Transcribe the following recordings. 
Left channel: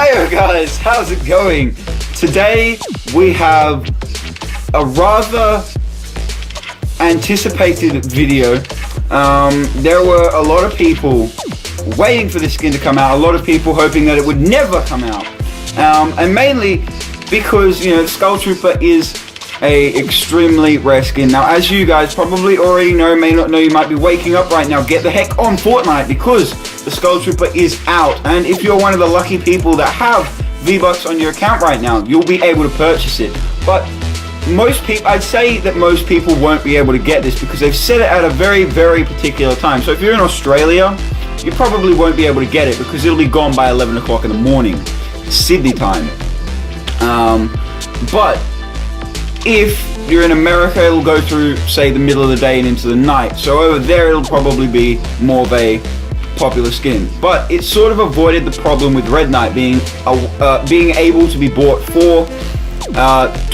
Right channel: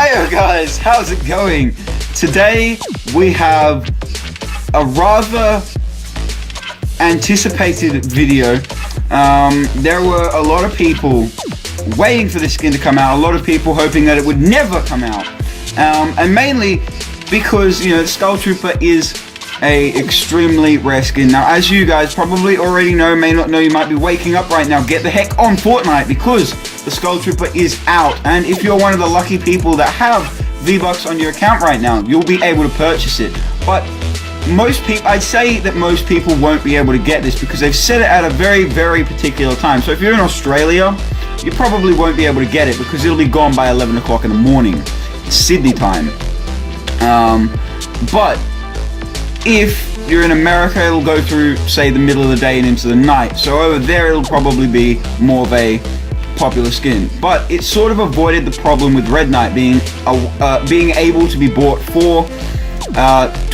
Hey guys, how's it going? Today we have a rather anticipated video. There were a lot of people waiting for this skin to come out, a lot of people hoping that it would never come out, and mainly because, you know, the Skull Trooper is a extremely rare skin. Now, as you guys probably already know, may not know, you might be waking up right now, get the heck on Fortnite, because the Skull Trooper is out. And if you're one of the lucky people that have V-Bucks on your account right now, you'll be able to purchase it. But most people, I'd say that most people won't be able to get this because they've set it at a very, very particular time. So if you're in Australia, you probably won't be able to get it because it'll be gone by 11 o'clock in the morning, Sydney time. But if you're in America, it'll go through, say, the middle of the day and into the night. So over there, it'll probably be more of a popular skin. But it sort of avoided the problem with Red Knight being able to be bought for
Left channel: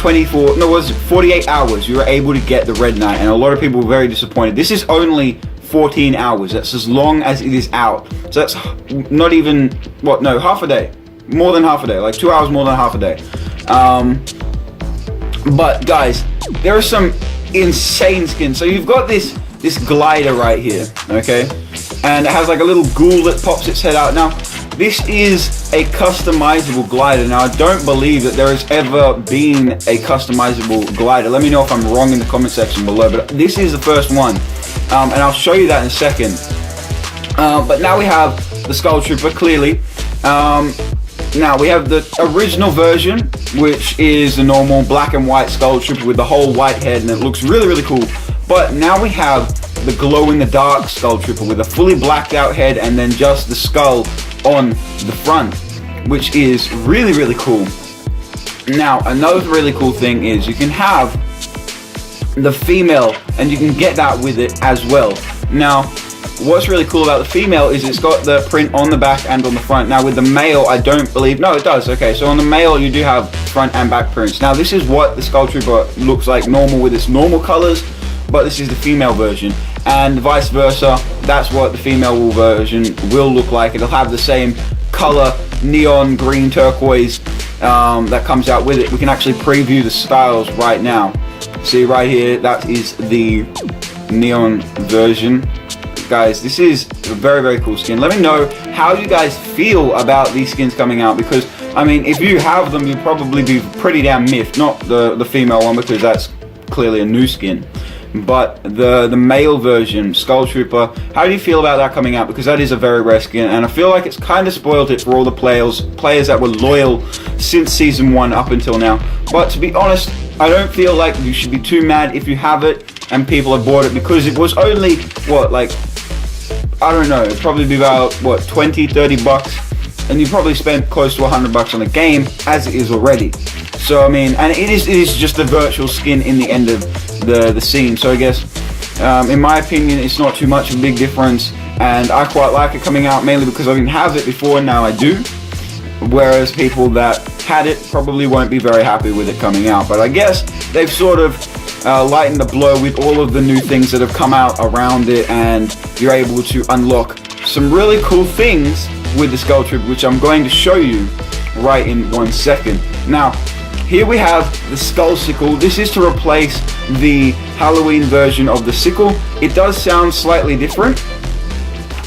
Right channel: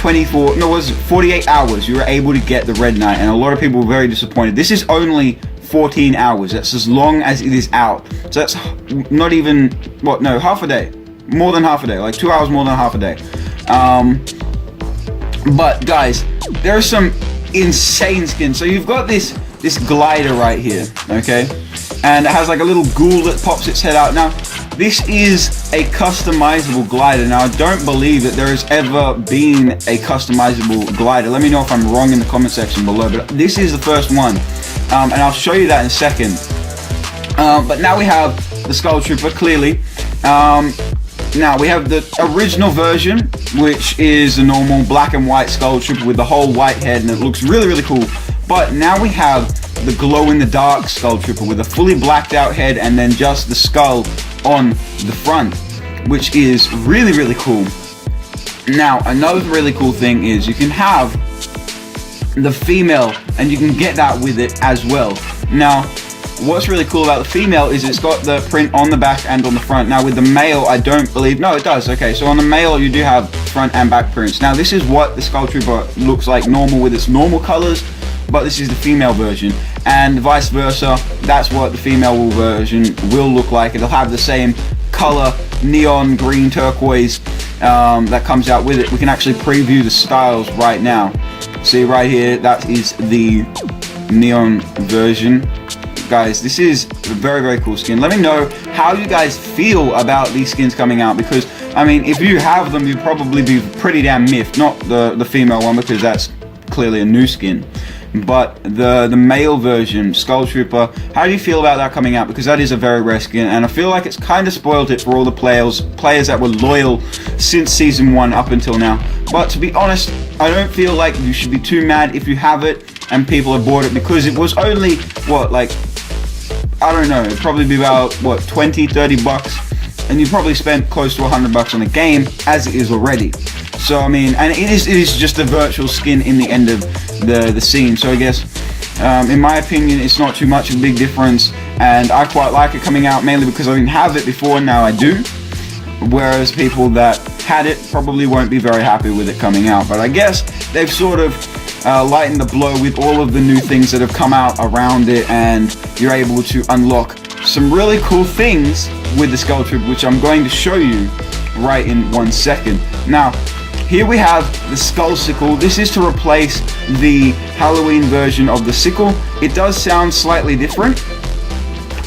48 hours. You were able to get the Red Knight, and a lot of people were very disappointed. This is only 14 hours. That's as long as it is out. So that's not even, half a day. More than half a day. Like 2 hours more than half a day. But guys, there are some insane skins. So you've got this glider right here, okay? And it has like a little ghoul that pops its head out. Now, this is a customizable glider. Now, I don't believe that there has ever been a customizable glider. Let me know if I'm wrong in the comment section below, but this is the first one. And I'll show you that in a second. But now we have the Skull Trooper, clearly. Now we have the original version, which is the normal black and white Skull Trooper with the whole white head, and it looks really, really cool. But now we have the glow-in-the-dark Skull Trooper with a fully blacked out head and then just the skull on the front, which is really, really cool. Now, another really cool thing is you can have the female, and you can get that with it as well. Now, what's really cool about the female is it's got the print on the back and on the front. Now with the male, I don't believe, no it does, okay, so on the male you do have front and back prints. Now this is what the Skull Trooper looks like normal with its normal colors, but this is the female version, and vice versa, that's what the female version will look like. It'll have the same color, neon green turquoise, that comes out with it. We can actually preview the styles right now. See right here, that is the neon version. Guys, this is a very, very cool skin. Let me know how you guys feel about these skins coming out, because I mean, if you have them, you'd probably be pretty damn miffed. Not the female one, because that's clearly a new skin, but the male version, Skull Trooper. How do you feel about that coming out? Because that is a very rare skin, and I feel like it's kind of spoiled it for all the players that were loyal since season 1 up until now. But to be honest, I don't feel like you should be too mad if you have it and people have bought it, because it was only, what, like, I don't know, it'd probably be about, what, 20, 30 bucks, and you probably spent close to 100 bucks on the game, as it is already. So, I mean, and it is just a virtual skin in the end of the scene, so I guess, in my opinion, it's not too much of a big difference, and I quite like it coming out, mainly because I didn't have it before, and now I do, whereas people that had it probably won't be very happy with it coming out. But I guess they've sort of lightened the blow with all of the new things that have come out around it, and you're able to unlock some really cool things with the Skull Trooper, which I'm going to show you right in 1 second. Now, here we have the Skull Sickle. This is to replace the Halloween version of the sickle. It does sound slightly different.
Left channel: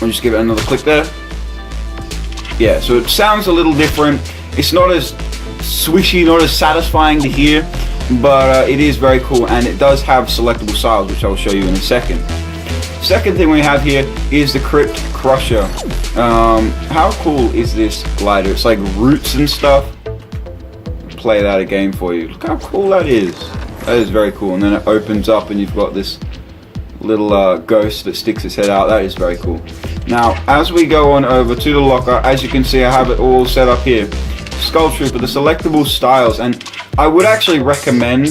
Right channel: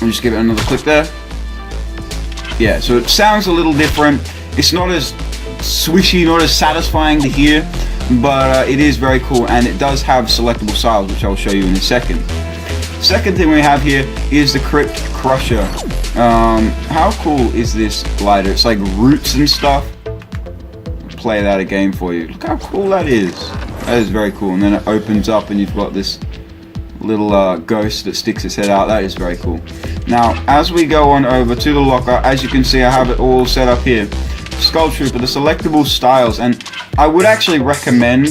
I'll just give it another click there. Yeah, so it sounds a little different. It's not as swishy, not as satisfying to hear, but it is very cool, and it does have selectable styles, which I'll show you in a second. Second thing we have here is the Crypt Crusher. How cool is this glider? It's like roots and stuff. Play that again for you. Look how cool that is. That is very cool. And then it opens up and you've got this little ghost that sticks its head out. That is very cool. Now, as we go on over to the locker, as you can see, I have it all set up here. Skull Trooper, the selectable styles, and I would actually recommend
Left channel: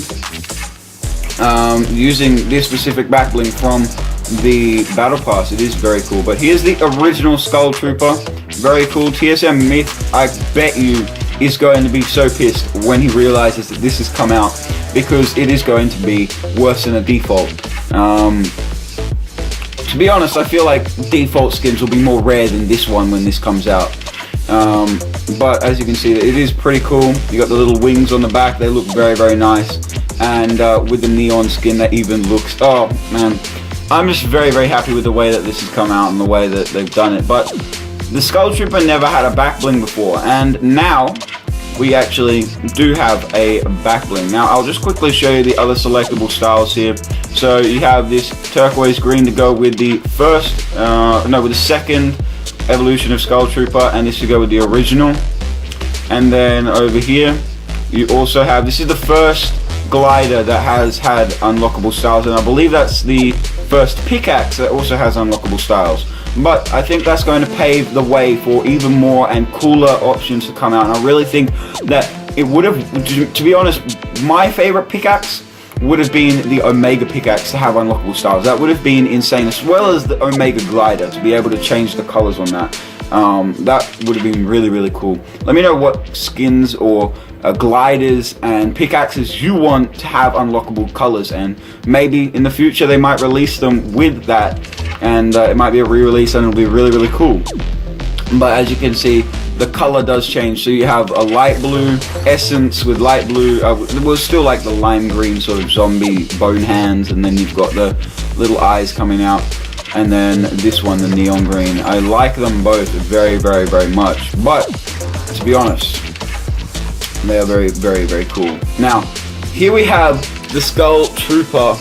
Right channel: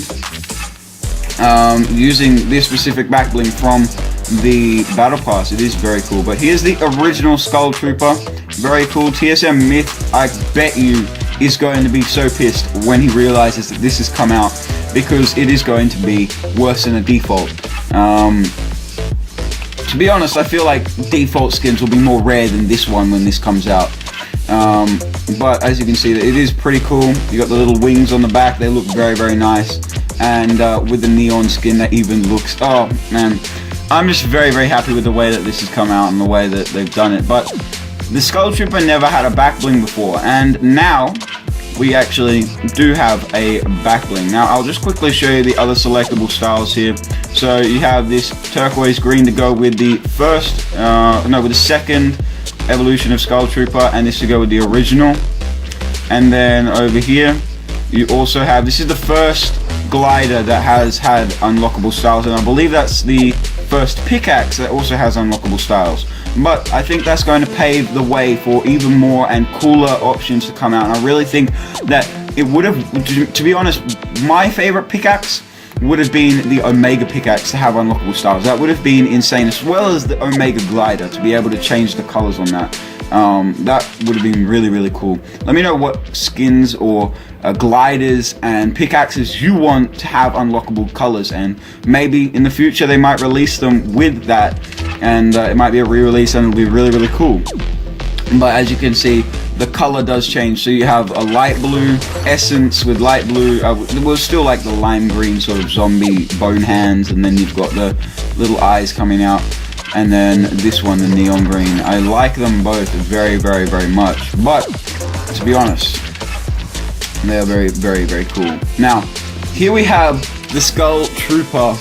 using this specific back bling from the Battle Pass. It is very cool. But here's the original Skull Trooper. Very cool. TSM Myth, I bet you, is going to be so pissed when he realizes that this has come out, because it is going to be worse than a default. To be honest, I feel like default skins will be more rare than this one when this comes out. But as you can see, it is pretty cool. You got the little wings on the back, they look very, very nice. And with the neon skin that even looks, oh man, I'm just very, very happy with the way that this has come out and the way that they've done it. But the Skull Trooper never had a back bling before, and now we actually do have a back bling. Now I'll just quickly show you the other selectable styles here. So you have this turquoise green to go with the with the second evolution of Skull Trooper, and this to go with the original. And then over here you also have, this is the first glider that has had unlockable styles, and I believe that's the first pickaxe that also has unlockable styles. But I think that's going to pave the way for even more and cooler options to come out, and I really think that it would have, to be honest, my favorite pickaxe would have been the Omega pickaxe to have unlockable styles. That would have been insane, as well as the Omega glider to be able to change the colors on that. That would have been really, really cool. Let me know what skins or gliders and pickaxes you want to have unlockable colors, and maybe in the future they might release them with that, and it might be a re-release and it'll be really, really cool. But as you can see, the color does change. So you have a light blue essence with light blue, it was still like the lime green sort of zombie bone hands, and then you've got the little eyes coming out, and then this one, the neon green. I like them both very, very, very much, but to be honest, they are very, very, very cool. Now, here we have the Skull Trooper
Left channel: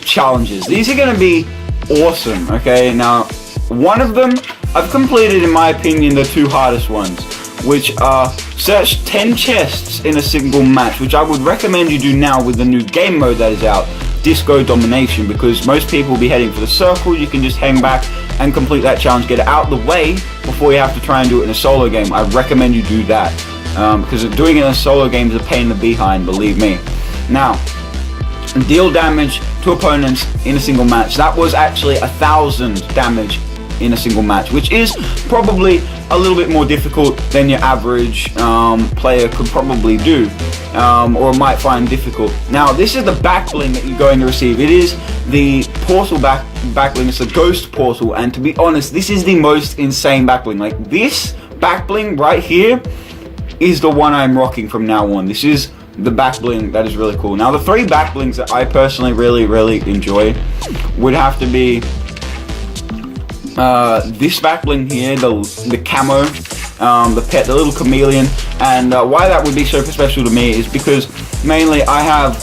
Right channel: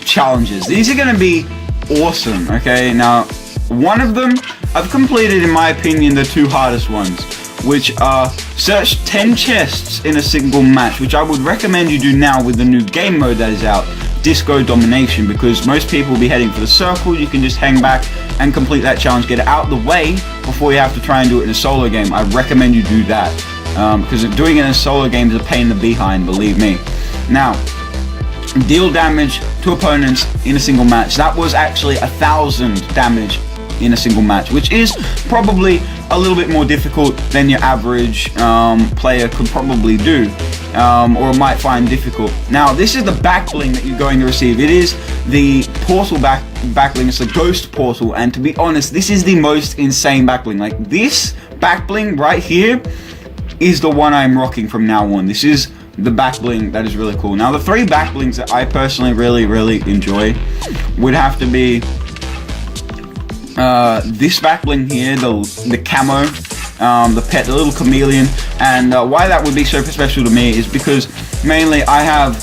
challenges. These are going to be awesome, okay? Now, one of them, I've completed, in my opinion, the two hardest ones, which are search 10 chests in a single match, which I would recommend you do now with the new game mode that is out, Disco Domination, because most people will be heading for the circle. You can just hang back and complete that challenge, get it out of the way before you have to try and do it in a solo game. I recommend you do that, because doing it in a solo game is a pain in the behind, believe me. Now, deal damage to opponents in a single match. That was actually 1,000 damage in a single match, which is probably a little bit more difficult than your average player could probably do, or might find difficult. Now, this is the back bling that you're going to receive. It is the portal back bling. It's the ghost portal, and to be honest, this is the most insane back bling. Like, this back bling right here is the one I'm rocking from now on. This is the back bling that is really cool. Now, the three back blings that I personally really, really enjoy would have to be this back bling here, the camo, the pet, the little chameleon. And why that would be so special to me is because mainly I have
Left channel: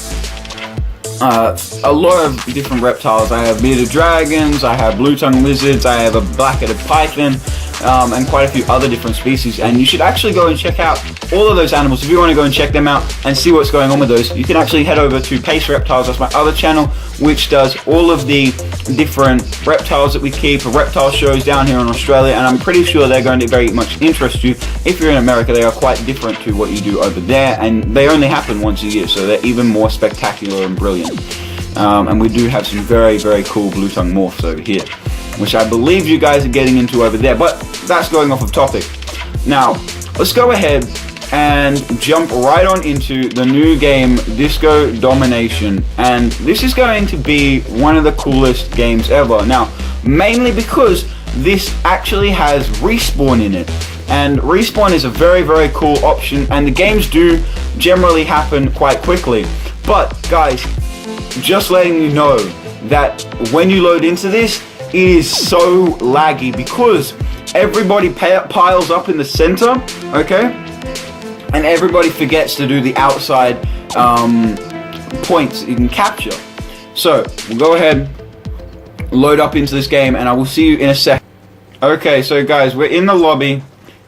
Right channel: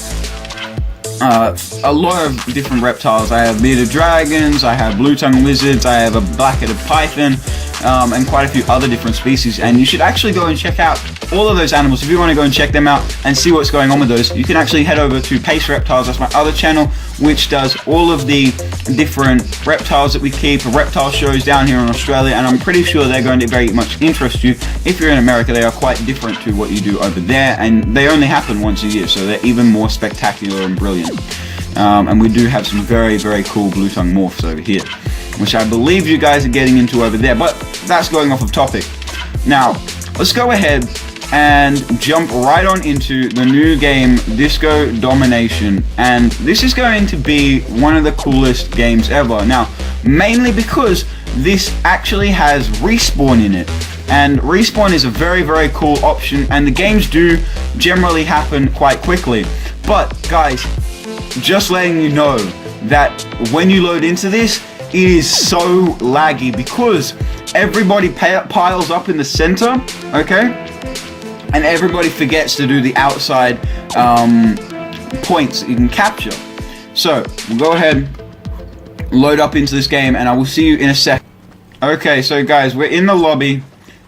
a lot of different reptiles. I have bearded dragons, I have blue-tongued lizards, I have a black-headed python, and quite a few other different species. And you should actually go and check out all of those animals. If you want to go and check them out and see what's going on with those, you can actually head over to Pace Reptiles. That's my other channel, which does all of the different reptiles that we keep, reptile shows down here in Australia, and I'm pretty sure they're going to very much interest you. If you're in America, they are quite different to what you do over there, and they only happen once a year, so they're even more spectacular and brilliant. And we do have some very, very cool blue-tongue morphs over here, which I believe you guys are getting into over there, but that's going off of topic. Now, let's go ahead and jump right on into the new game, Disco Domination. And this is going to be one of the coolest games ever. Now, mainly because this actually has respawn in it. And respawn is a very, very cool option, and the games do generally happen quite quickly. But guys, just letting you know that when you load into this, it is so laggy because everybody piles up in the center, okay? And everybody forgets to do the outside points that you can capture. So, we'll go ahead, load up into this game, and I will see you in a sec. Okay, so guys, we're in the lobby.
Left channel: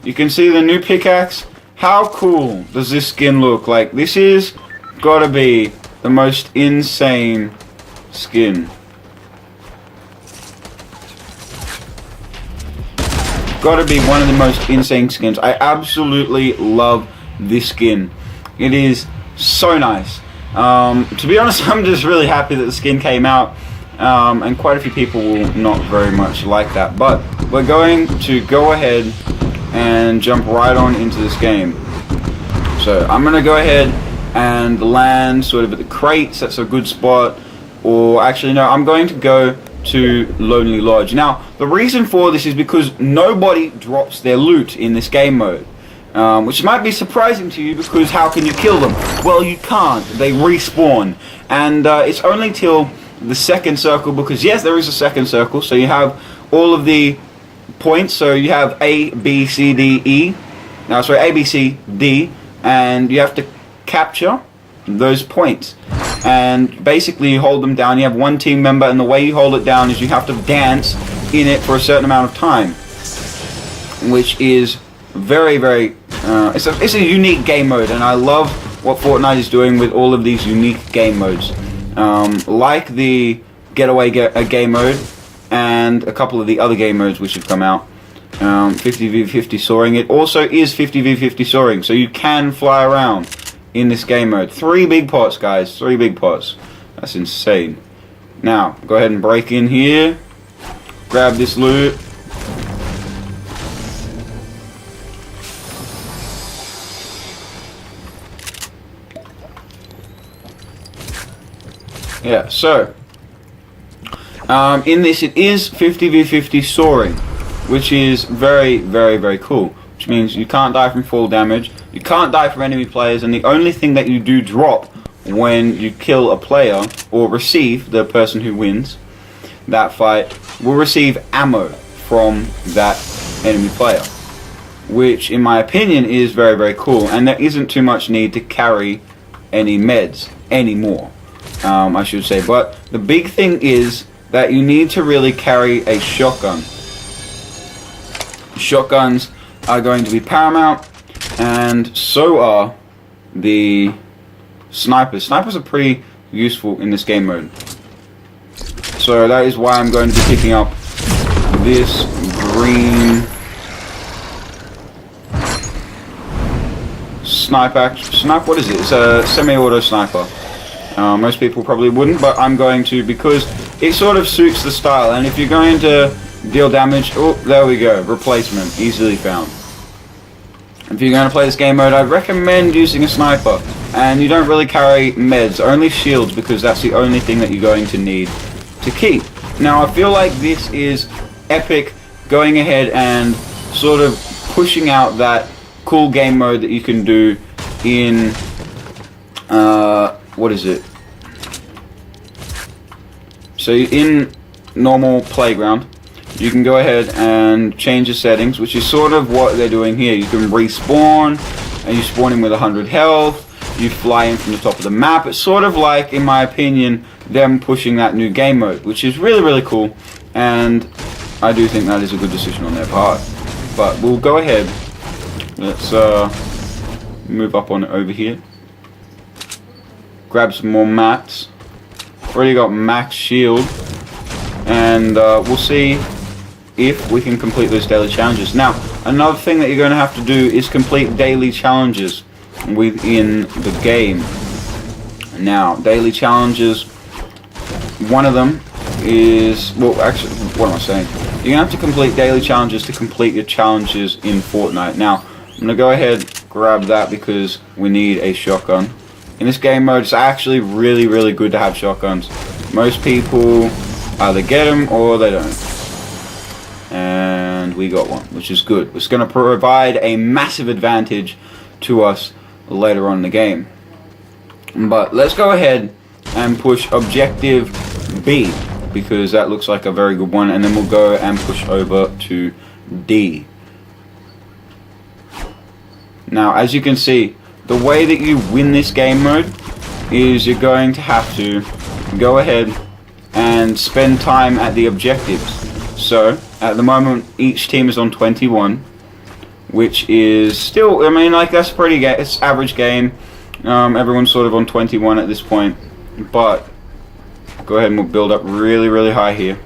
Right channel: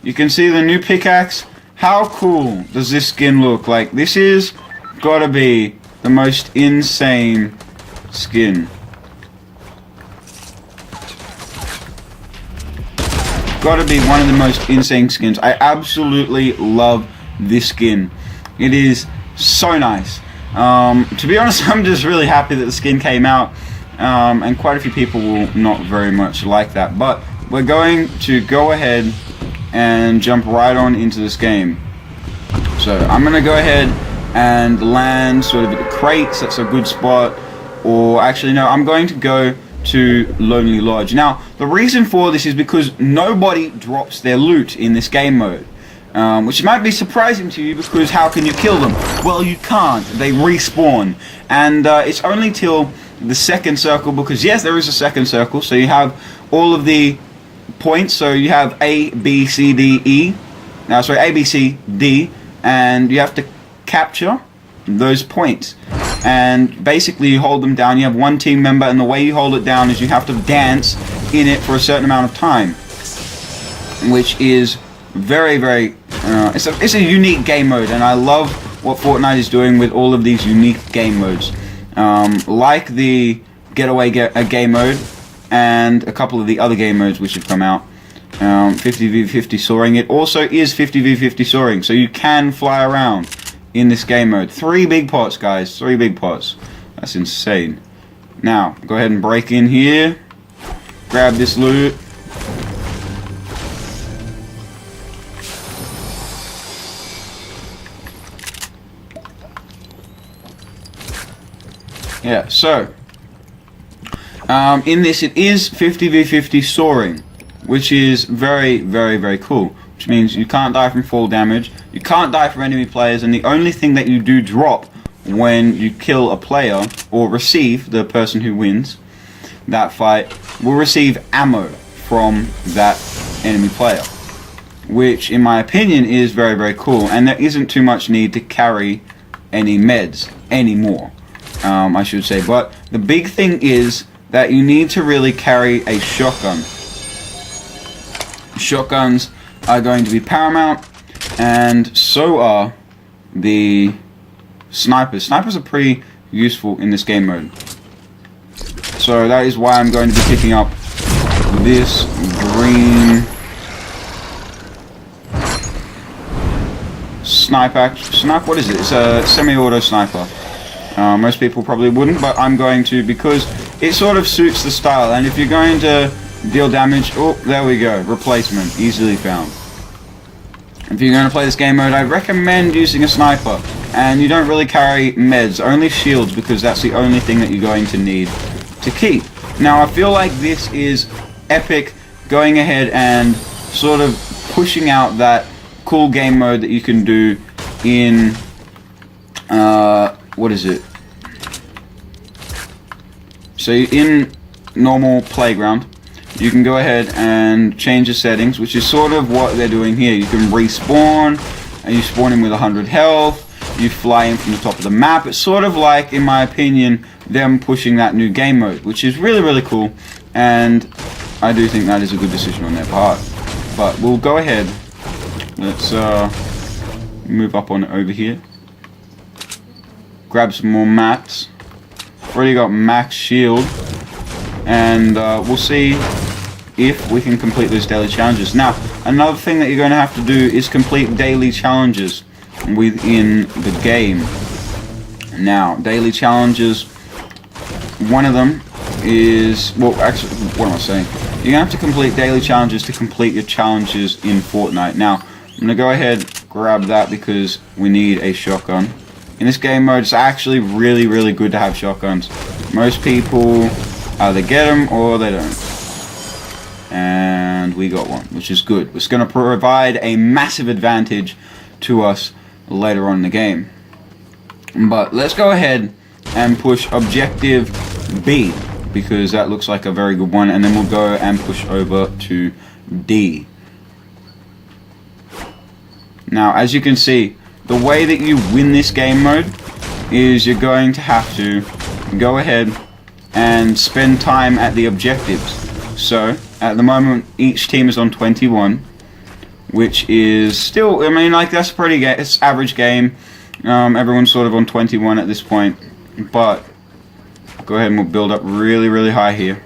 You can see the new pickaxe. How cool does this skin look? Like, this is gotta be the most insane skin. Gotta be one of the most insane skins. I absolutely love this skin. It is so nice. To be honest, I'm just really happy that the skin came out, and quite a few people will not very much like that, but we're going to go ahead and jump right on into this game. So I'm gonna go ahead and land sort of at the crates. That's a good spot. Or actually no, I'm going to go to Lonely Lodge. Now, the reason for this is because nobody drops their loot in this game mode. Which might be surprising to you, because how can you kill them? Well, you can't. They respawn. And it's only till the second circle, because yes, there is a second circle, so you have all of the points. So you have A, B, C, D, E. Now, sorry, A, B, C, D, and you have to capture those points. And basically you hold them down. You have one team member, and the way you hold it down is you have to dance in it for a certain amount of time, which is very, very it's a unique game mode, and I love what Fortnite is doing with all of these unique game modes, like the Getaway game mode and a couple of the other game modes which have come out. 50v50 soaring. It also is 50v50 soaring, so you can fly around in this game mode. 3 big pots, guys. 3 big pots. That's insane. Now, go ahead and break in here. Grab this loot. Yeah, so in this it is 50v50 soaring, which is very, very, very cool. Which means you can't die from fall damage, you can't die from enemy players, and the only thing that you do drop when you kill a player, or receive, the person who wins that fight, will receive ammo from that enemy player. Which, in my opinion, is very, very cool, and there isn't too much need to carry any meds anymore. I should say, but the big thing is that you need to really carry a shotgun. Shotguns are going to be paramount, and so are the snipers. Snipers are pretty useful in this game mode, so that is why I'm going to be picking up this green sniper. What is it? It's a semi-auto sniper. Most people probably wouldn't, but I'm going to, because it sort of suits the style. And if you're going to deal damage, oh, there we go, replacement, easily found. If you're going to play this game mode, I recommend using a sniper, and you don't really carry meds, only shields, because that's the only thing that you're going to need to keep. Now, I feel like this is Epic going ahead and sort of pushing out that cool game mode that you can do in what is it? So in normal playground, you can go ahead and change the settings, which is sort of what they're doing here. You can respawn, and you spawn in with 100 health. You fly in from the top of the map. It's sort of like, in my opinion, them pushing that new game mode, which is really, really cool. And I do think that is a good decision on their part. But we'll go ahead. Let's move up on over here. Grab some more mats. Already got max shield, and we'll see if we can complete those daily challenges. Now, another thing that you're going to have to do is complete daily challenges within the game. Now, daily challenges, one of them is, well, actually, what am I saying? You have to complete daily challenges to complete your challenges in Fortnite. Now, I'm going to go ahead, grab that, because we need a shotgun. In this game mode, it's actually really, really good to have shotguns. Most people either get them or they don't. And we got one, which is good. It's going to provide a massive advantage to us later on in the game. But let's go ahead and push Objective B, because that looks like a very good one, and then we'll go and push over to D. Now, as you can see, the way that you win this game mode is you're going to have to go ahead and spend time at the objectives. So, at the moment, each team is on 21, which is still, I mean, like, that's pretty, it's average game. Everyone's sort of on 21 at this point, but go ahead and we'll build up really, really high here.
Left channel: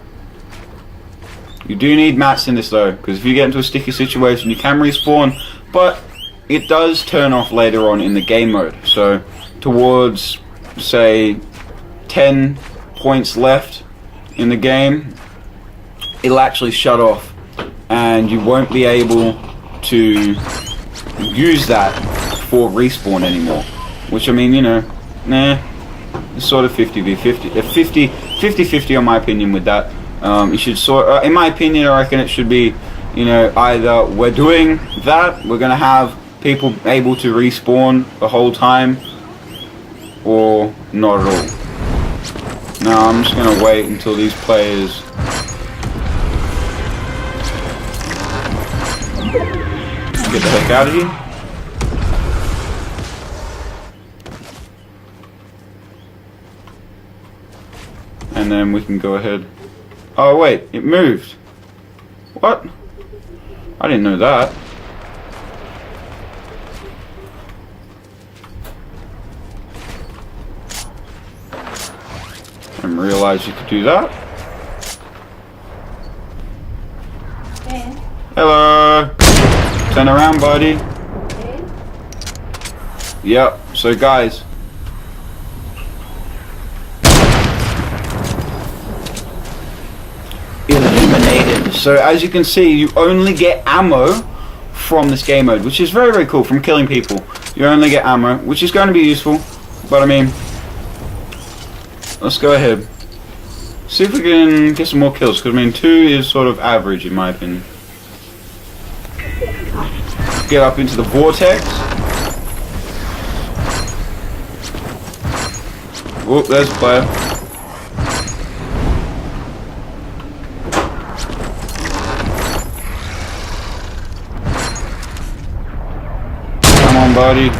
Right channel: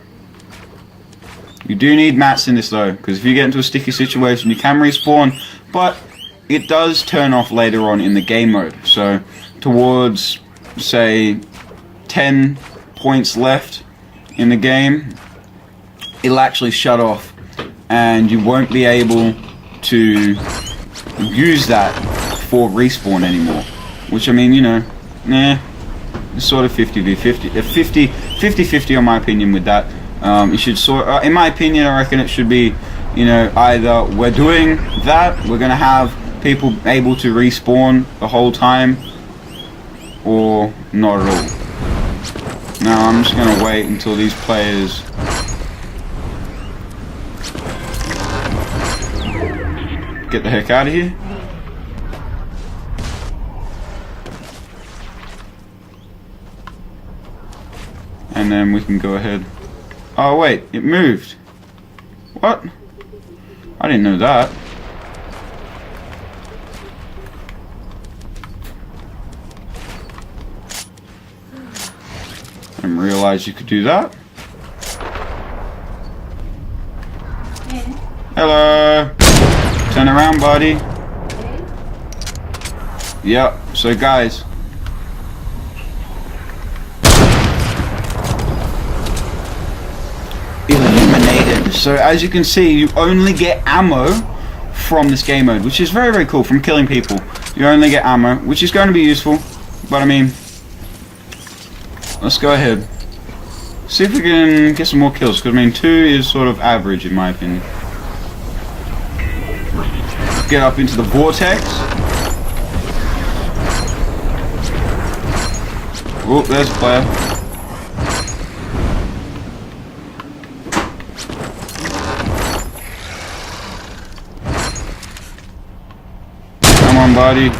You do need mats in this though, because if you get into a sticky situation, you can respawn, but it does turn off later on in the game mode. So towards, say, 10 points left in the game, it'll actually shut off, and you won't be able to use that for respawn anymore. Which, I mean, you know, it's sort of 50v50, 50-50 on my opinion with that. You should in my opinion, I reckon it should be, you know, either we're doing that, we're gonna have people able to respawn the whole time, or not at all. No, I'm just gonna wait until these players get the heck out of here. And then we can go ahead. Oh wait, it moved. What? I didn't know that. Didn't realize you could do that. Hey. Hello. Turn around, buddy. Hey. Yep. So guys. Eliminated. So as you can see, you only get ammo from this game mode, which is very, very cool. From killing people, you only get ammo, which is going to be useful. But I mean, let's go ahead. See if we can get some more kills, because I mean 2 is sort of average in my opinion. Get up into the vortex. Oh, there's a player. Come on, buddy.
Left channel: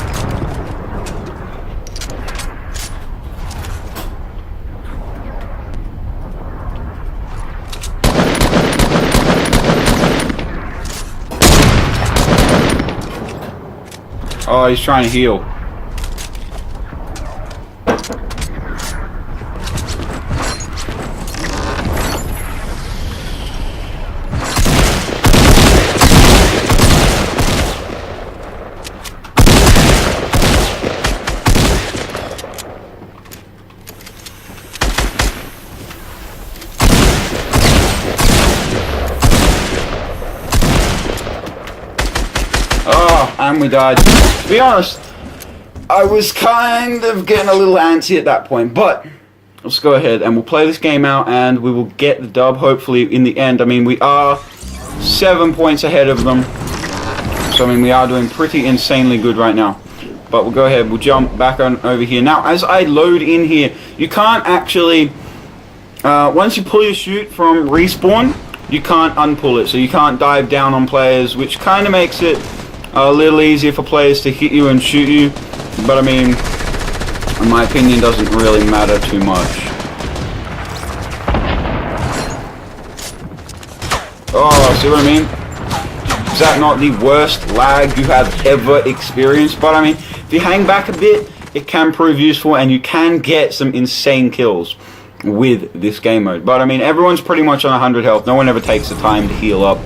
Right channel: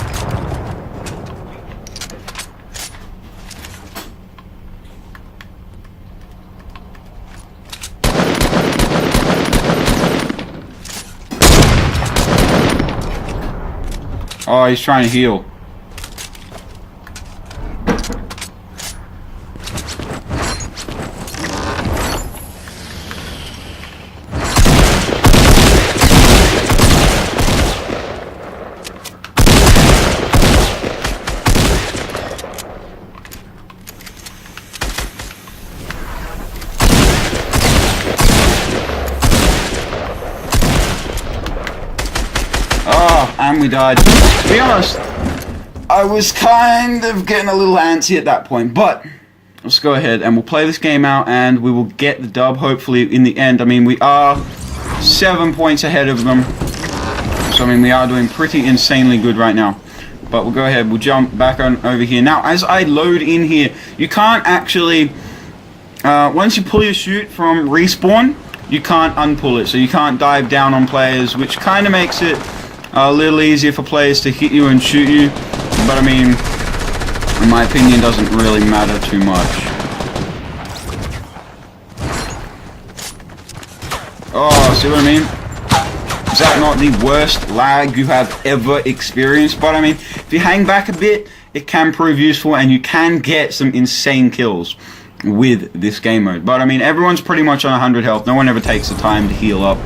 Oh, he's trying to heal. And we died. To be honest, I was kind of getting a little antsy at that point, but let's go ahead and we'll play this game out and we will get the dub hopefully in the end. I mean, we are 7 points ahead of them, so I mean we are doing pretty insanely good right now. But we'll go ahead, we'll jump back on over here. Now as I load in here, you can't actually, once you pull your chute from respawn, you can't unpull it, so you can't dive down on players, which kind of makes it a little easier for players to hit you and shoot you, but I mean, in my opinion, doesn't really matter too much. Oh, see what I mean? Is that not the worst lag you have ever experienced? But I mean, if you hang back a bit, it can prove useful and you can get some insane kills with this game mode. But I mean, everyone's pretty much on 100 health. No one ever takes the time to heal up.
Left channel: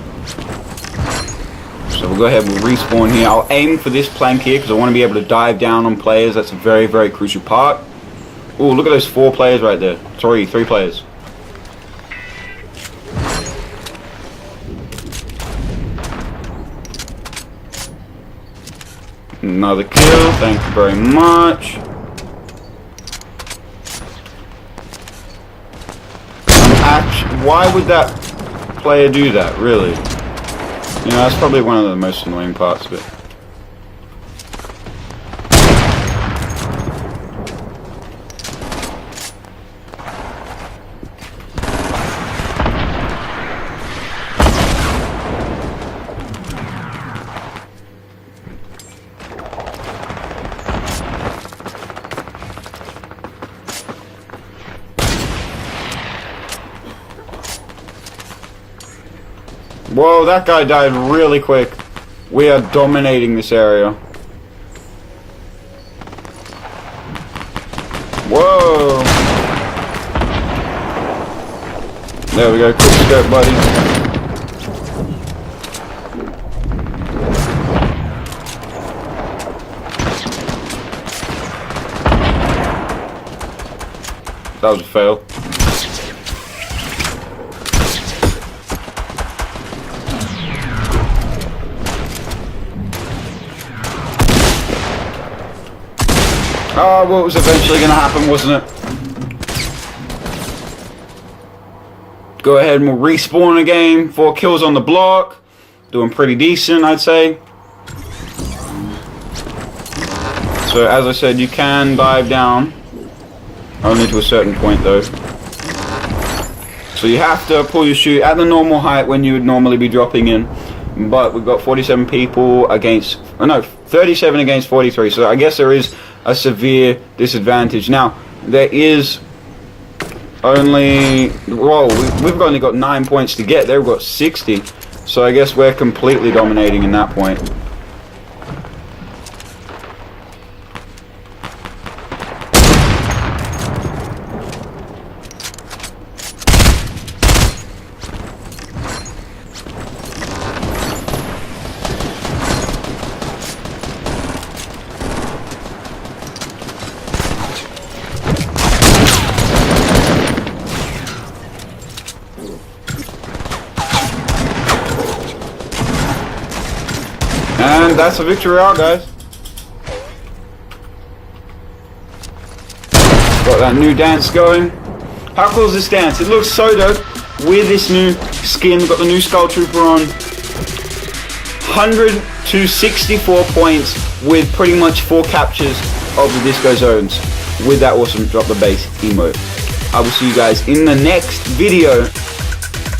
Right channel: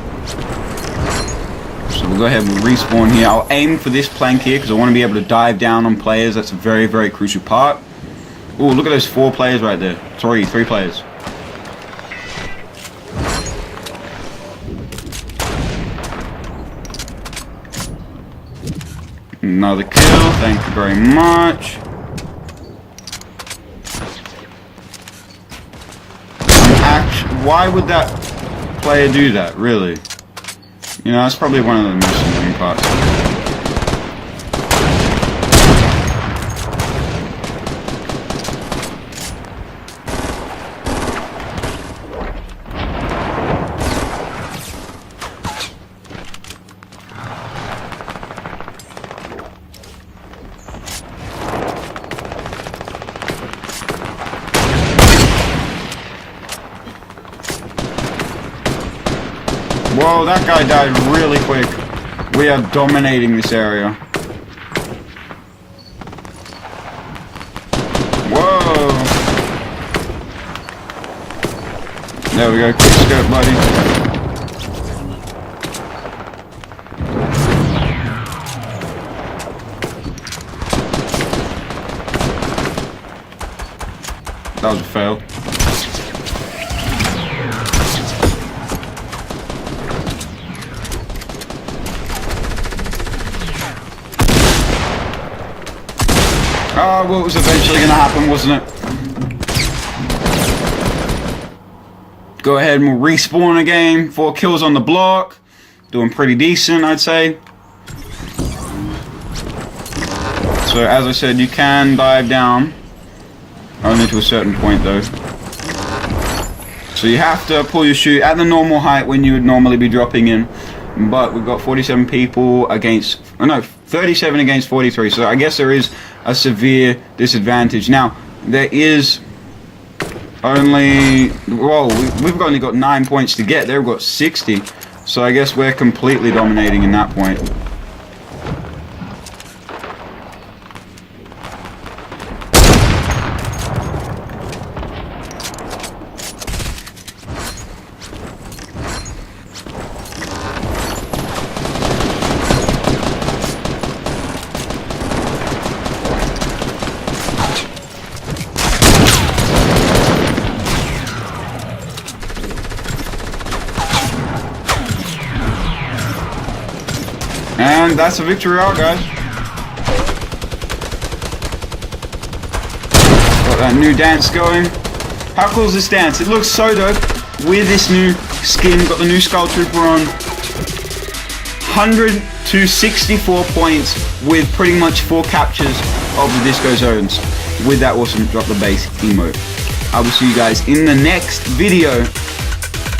So we'll go ahead and we'll respawn here. I'll aim for this plank here because I want to be able to dive down on players. That's a very, very crucial part. Oh, look at those 4 players right there. 3 players. Another kill, thank you very much. Why would that player do that, really? You know, that's probably one of the most annoying parts. Whoa, that guy died really quick. We are dominating this area. Whoa. There we go. Quick step, buddy. That was a fail. Oh, what was eventually going to happen, wasn't it? go ahead and we'll respawn again. 4 kills on the block. Doing pretty decent, I'd say. So as I said, you can dive down. Only to a certain point though. So you have to pull your chute at the normal height when you would normally be dropping in. But we've got 47 people against, oh no, 37 against 43. So I guess there is a severe disadvantage. Now, there is only, well, we've only got 9 points to get. They've got 60. So I guess we're completely dominating in that point. And that's a victory out, guys. Got that new dance going. How cool is this dance? It looks so dope with this new skin. Got the new Skull Trooper on. 100 to 64 points with pretty much 4 captures of the disco zones with that awesome drop the bass emote. I will see you guys in the next video.